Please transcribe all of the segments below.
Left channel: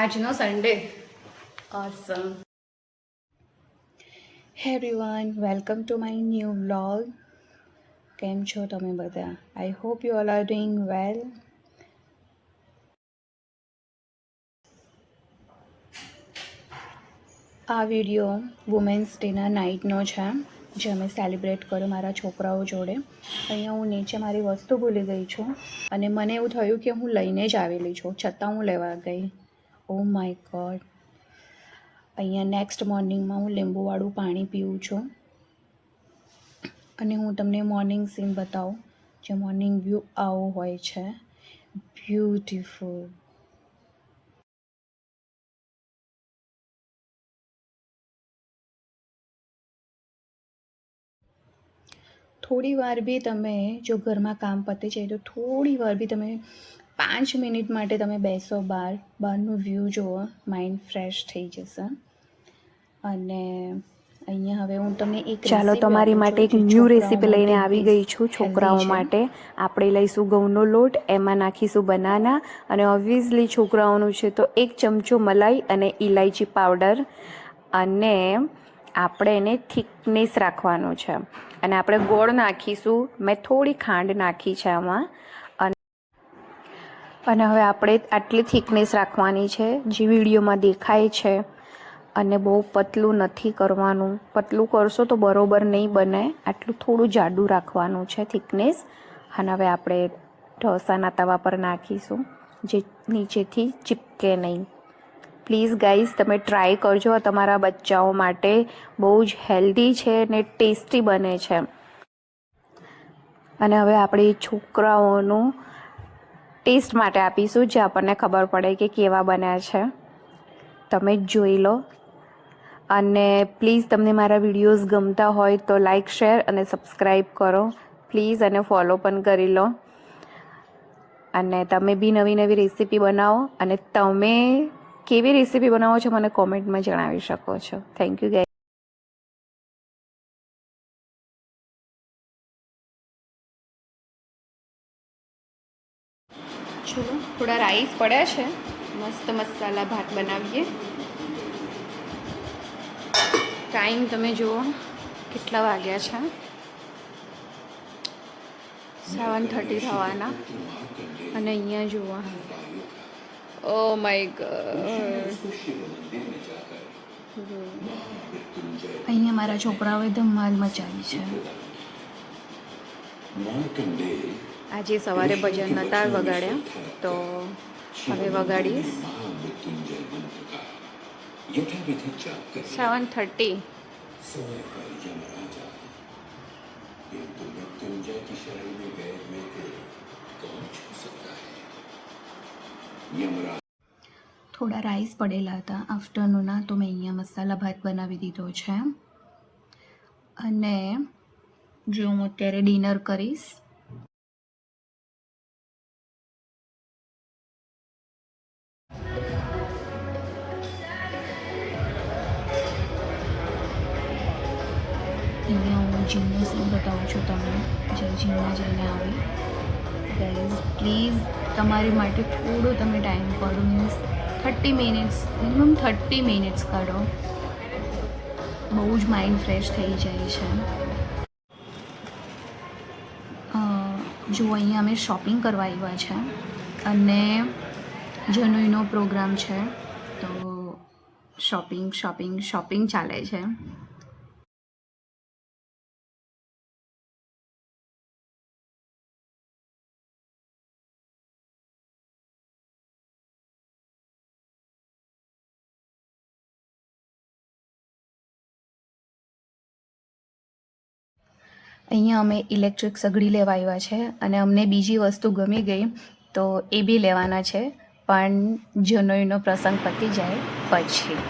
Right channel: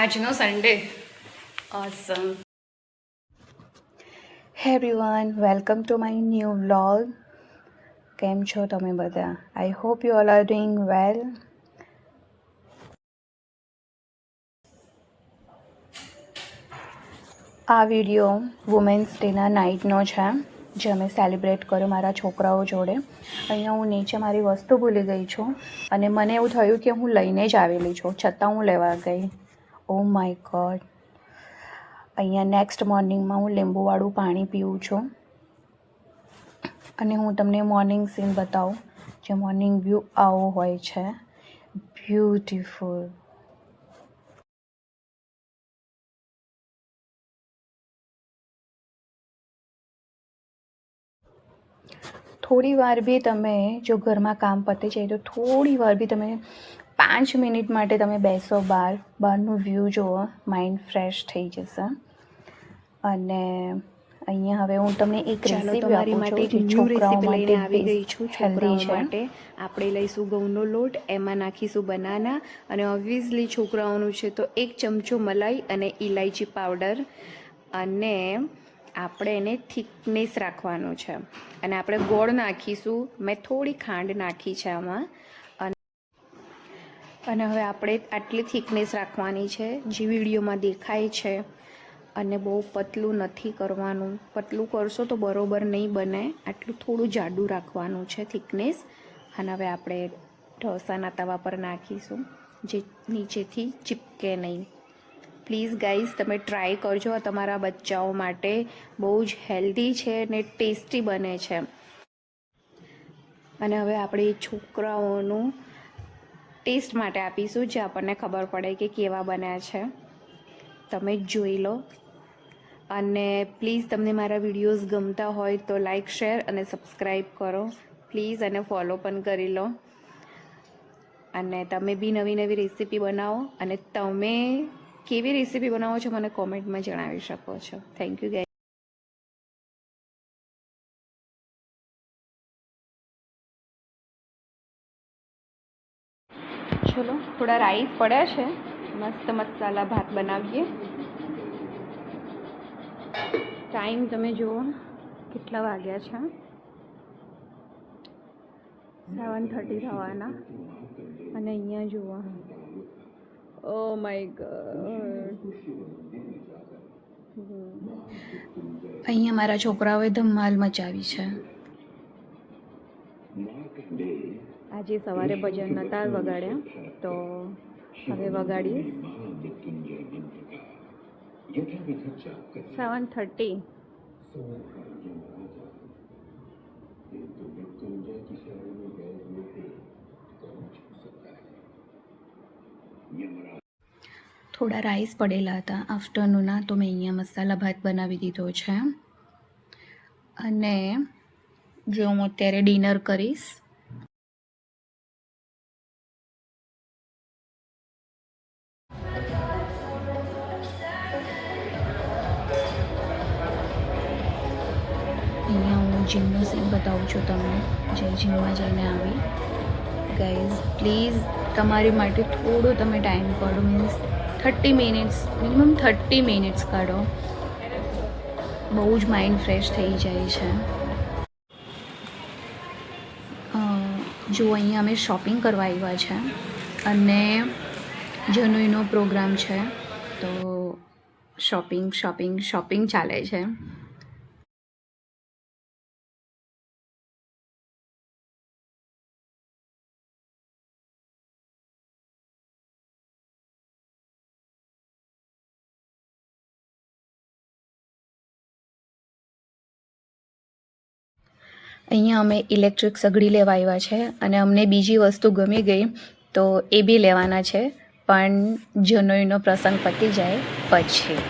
આજનો Sunday awesome. Hey everyone, welcome to my new vlog. કેમ છો તમે બધા? I hope you all are doing well. આ વિડીયો વુમેન્સ ડેના નાઇટનો છે, જે અમે સેલિબ્રેટ કર્યો મારા છોકરાઓ જોડે. અહીંયા હું નીચે મારી વસ્તુ ભૂલી ગઈ છું અને મને એવું થયું કે હું લઈને જ આવેલી છું, છતાં હું લેવા ગઈ. Oh my God. અહીંયા નેક્સ્ટ મોર્નિંગમાં હું લીંબુવાળું પાણી પીવું છું અને હું તમને મોર્નિંગ સીન બતાવું. જે મોર્નિંગ વ્યૂ આવો હોય છે, બ્યુટીફુલ. થોડી વાર બી તમે જો ઘરમાં કામ પતી જાય તો થોડી વાર બી તમે 5 મિનિટ માટે તમે બેસો, બહારનું વ્યૂ જુઓ, માઇન્ડ ફ્રેશ થઈ જશે. અને અહીંયા હવે હું તમને એક ચાલો તમારી માટે એક ન્યૂ રેસીપી લઈને આવી ગઈ છું. છોકરાઓ માટે આપણે લઈશું ઘઉંનો લોટ, એમાં નાખીશું બનાના અને ઓબ્વિયસલી છોકરાઓનું છે તો 1 ચમચો મલાઈ અને ઇલાયચી પાવડર, અને આપણે એને થિકનેસ રાખવાનું છે. અને આપણે ગોળ નાખીશું. મેં થોડી ખાંડ નાખી છે આમાં. અને હવે આપણે આટલી થિકનેસ રાખવાની છે જે વિડીયોમાં દેખાય છે. અને બહુ પતલું નથી કરવાનું, પતલું કરશો તો બરોબર નહીં બને. આટલું થોડું જાડું રાખવાનું છે થિકનેસ. અને હવે આપણે ઢોસાના તવા પર નાખીશું, જે નીચેથી ચીપકે નહીં. પ્લીઝ ગાઈઝ, તમે ટ્રાય કરજો. તમારા બચ્ચાઓ માટે બહુ જ હેલ્ધી છે અને ટેસ્ટી બને છે. અને હવે આપણે છોકરાઓનું ટેસ્ટ માટે આપીશું, જે આપણને ખબર પડે કે કેવા બન્યા છે. તમે જ જોઈ લો. અને પ્લીઝ તમને મારા વિડીયોઝ ગમતા હોય તો લાઇક, શેર અને સબસ્ક્રાઈબ કરો પ્લીઝ, અને ફોલો પણ કરી લો. અને તમે બી નવી નવી રેસીપી બનાવો, અને તમે કેવી રેસીપી બનાવો છો મને કોમેન્ટમાં જણાવી શકો છો. Thank you guys. ચલો, થોડા રાઈસ પડ્યા છે, મસ્ત મસાલા ભાત બનાવીએ. ટાઈમ તમે જુઓ કેટલા વાગ્યા છે, 7:30 થવાના. અને અહીંયા જુઓ, ઓ માય ગોડ, અહીંયા મારા છોકરાઓએ ધમાલ મચાવી છે. આજે સવારે ભજન નહોતા વગાડ્યા, તો હવે વગાડીશ. 7:30. થોડા રાઈસ પડેલા હતા આફ્ટરનૂનના, તો મેં અહીંયા મસાલા ભાત બનાવી દીધો છે. અને જો હું અત્યારે ડિનર કરીશ. અહીંયા હું જીમનો સીન બતાવું છું તમને, જે જીમમાં જઈને આવી. ગાઈઝ પ્લીઝ તમારી માટે થોડો તમે ટાઈમ કાઢો, મીન્સ 30 મિનિટ્સ, મિનિમમ 30 મિનિટ્સ કાઢો. બહુ જ માઇન્ડ ફ્રેશ થઈ જાય છે. જો અહીંયા અમે શોપિંગ કરવા આવ્યા છે અને જનોઈનો પ્રોગ્રામ છે, તો શોપિંગ ચાલે છે. અહીંયા અમે ઇલેક્ટ્રિક સગડી લેવા આવ્યા છે અને અમને બીજી વસ્તુ ગમી ગઈ, તો એ બી લેવાના છે, પણ જનોઈનો પ્રસંગ પતી જાય પછી.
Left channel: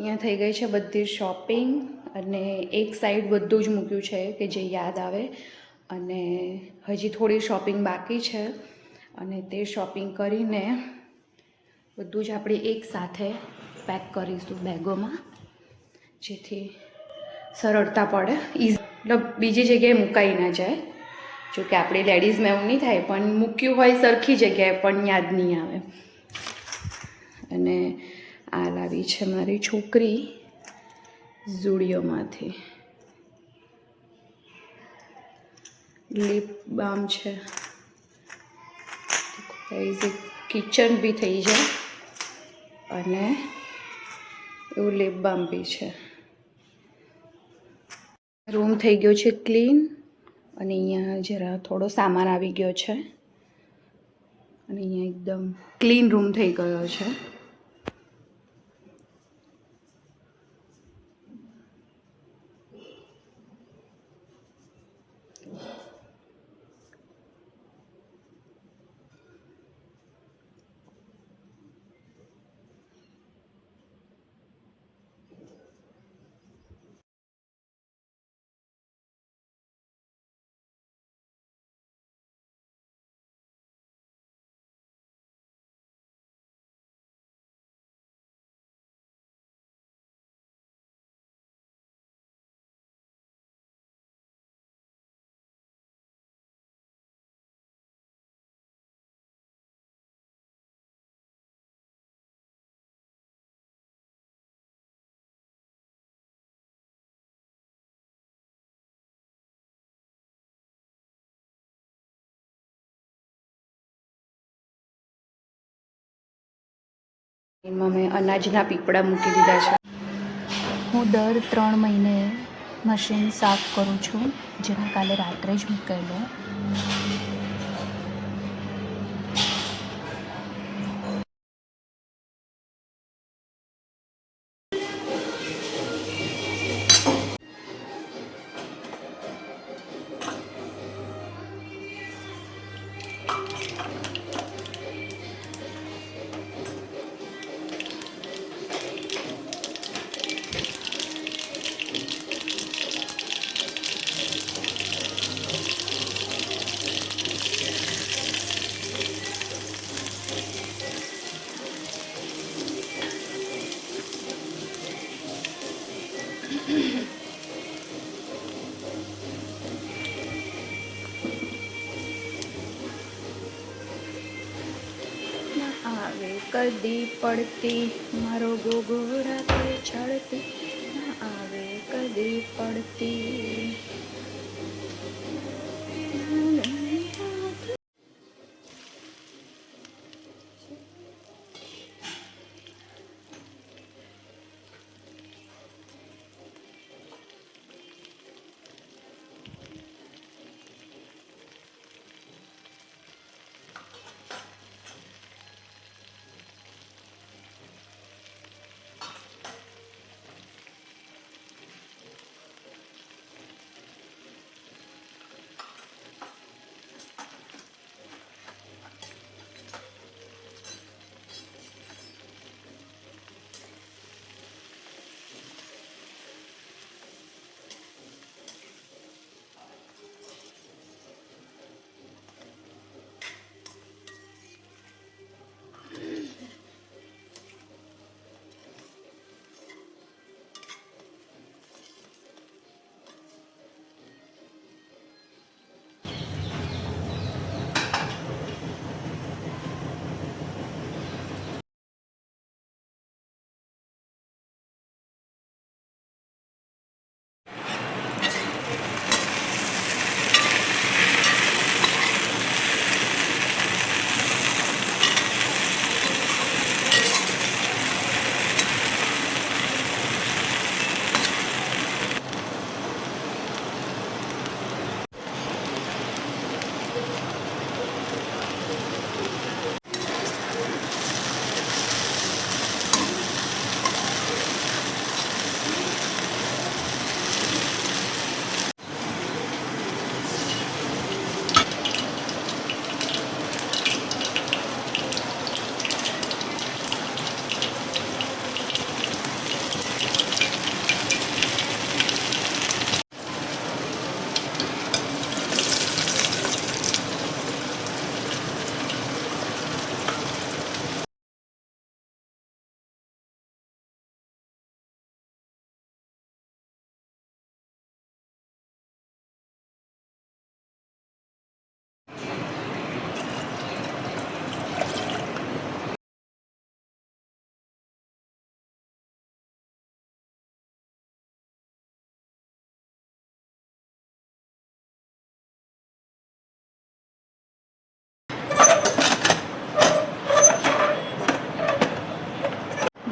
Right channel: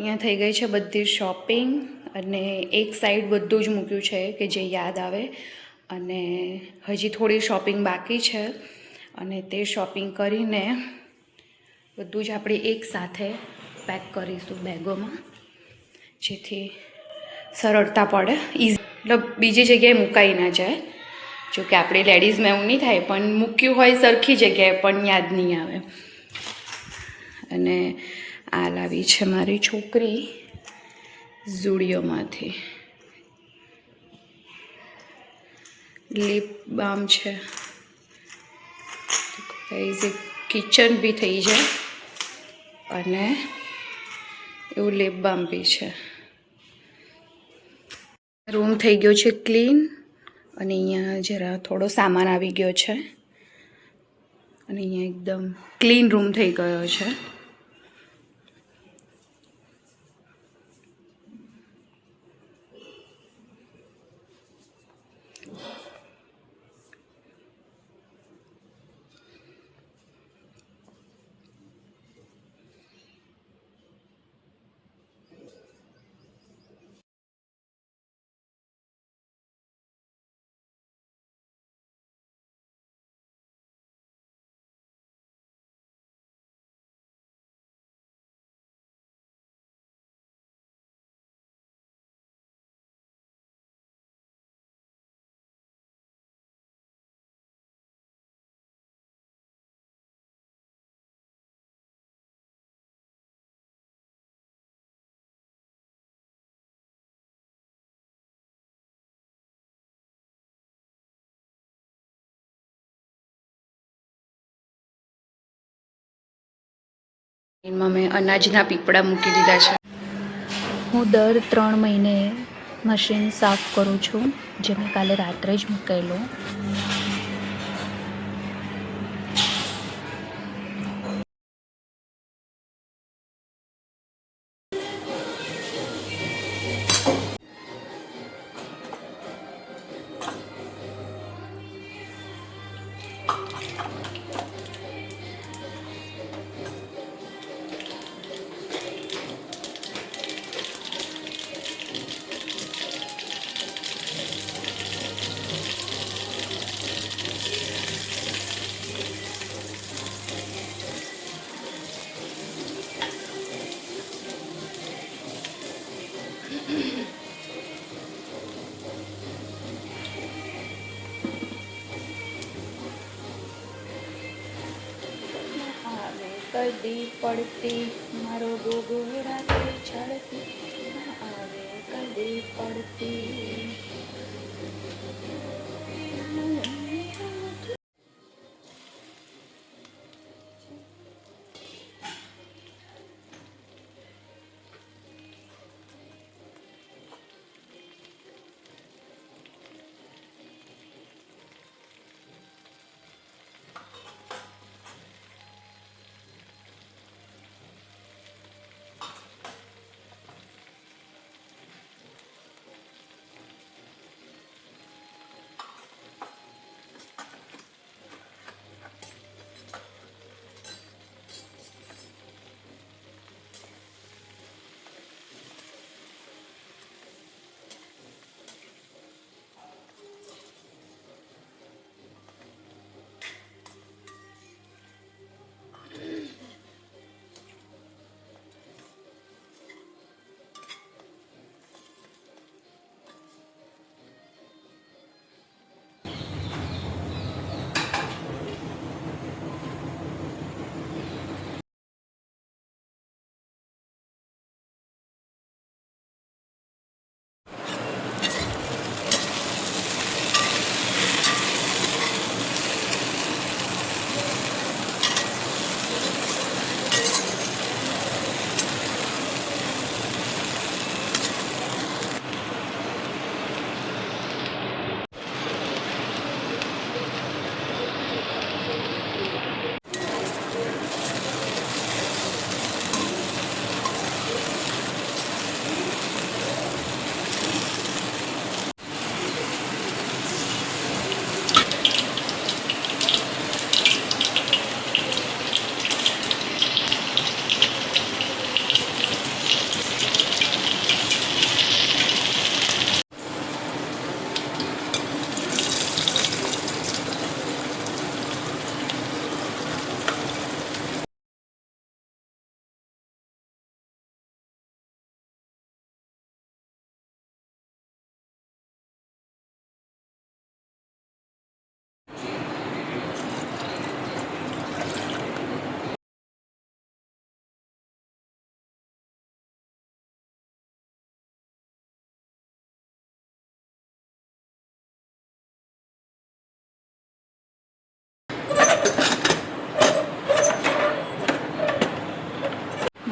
અહીંયા થઈ ગઈ છે બધી શોપિંગ અને એક સાઈડ બધું જ મૂક્યું છે કે જે યાદ આવે. અને હજી થોડી શોપિંગ બાકી છે અને તે શોપિંગ કરીને બધું જ આપણે એક સાથે પેક કરીશું બેગોમાં, જેથી સરળતા પડે, મતલબ બીજી જગ્યાએ મુકાઈ ના જાય. જો કે આપણી લેડીઝમાં એવું નહીં થાય, પણ મૂક્યું હોય સરખી જગ્યાએ પણ યાદ નહીં આવે. અને આ લાવી છે મારી છોકરી ઝુડિયોમાંથી, લિપ બામ છે. કિચન બી થઈ જાય અને એવું લિપ બામ બી છે. રૂમ થઈ ગયો છે ક્લીન અને અહીંયા જરા થોડો સામાન આવી ગયો છે અને અહીંયા એકદમ ક્લીન રૂમ થઈ ગયો છે. એમાં મેં અનાજના પીપળા મૂકી દીધા છે. હું દર 3 મહિને મશીન સાફ કરું છું, જે મેં કાલે રાત્રે જ મૂકેલું. કદી પડતી મારો ગોગોડા પે ચડતી, આવે કદી પડતી.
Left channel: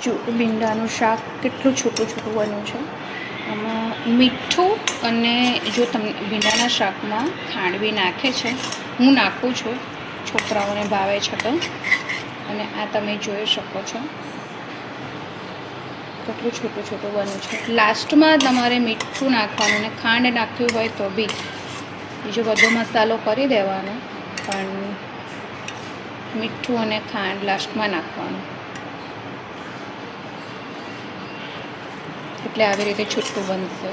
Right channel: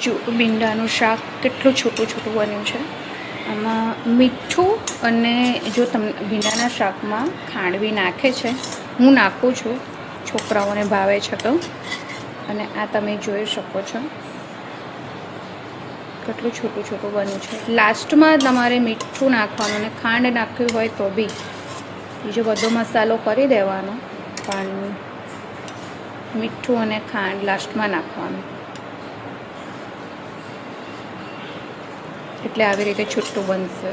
જો ભીંડાનું શાક કેટલું છોટું છોટું બન્યું છે. આમાં મીઠું અને જો તમને ભીંડાના શાકમાં ખાંડ બી નાખે છે, હું નાખું છું, છોકરાઓને ભાવે છે તો. અને આ તમે જોઈ શકો છો કેટલું છોટું છોટું બન્યું છે. લાસ્ટમાં તમારે મીઠું નાખવાનું અને ખાંડ નાખ્યું હોય તો બી બીજો બધો મસાલો કરી દેવાનો, પણ મીઠું અને ખાંડ લાસ્ટમાં નાખવાનું, એટલે આવી રીતે છૂટું બનશે.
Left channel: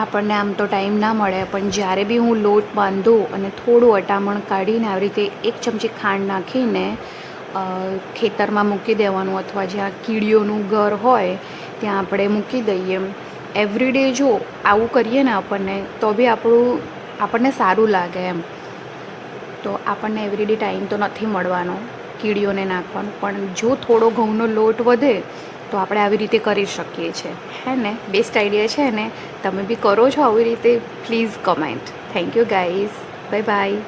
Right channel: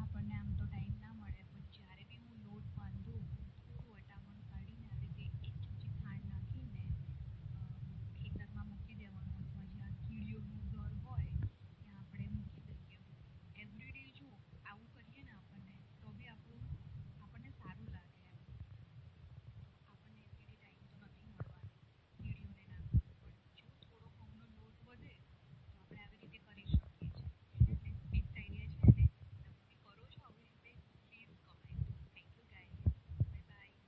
આપણને આમ તો ટાઈમ ના મળે, પણ જ્યારે બી હું લોટ બાંધું અને થોડું અટામણ કાઢીને આવી રીતે 1 ચમચી ખાંડ નાખીને ખેતરમાં મૂકી દેવાનું, અથવા જ્યાં કીડીઓનું ઘર હોય ત્યાં આપણે મૂકી દઈએ. એવરીડે જો આવું કરીએ ને આપણને તો બી આપણને સારું લાગે એમ. તો આપણને એવરીડે ટાઈમ તો નથી મળવાનો કીડીઓને નાખવાનું, પણ જો થોડો ઘઉંનો લોટ વધે તો આપણે આવી રીતે કરી શકીએ છીએ, હે ને? બેસ્ટ આઈડિયા છે ને? તમે બી કરો છો આવી રીતે? Please comment. Thank you guys, bye bye.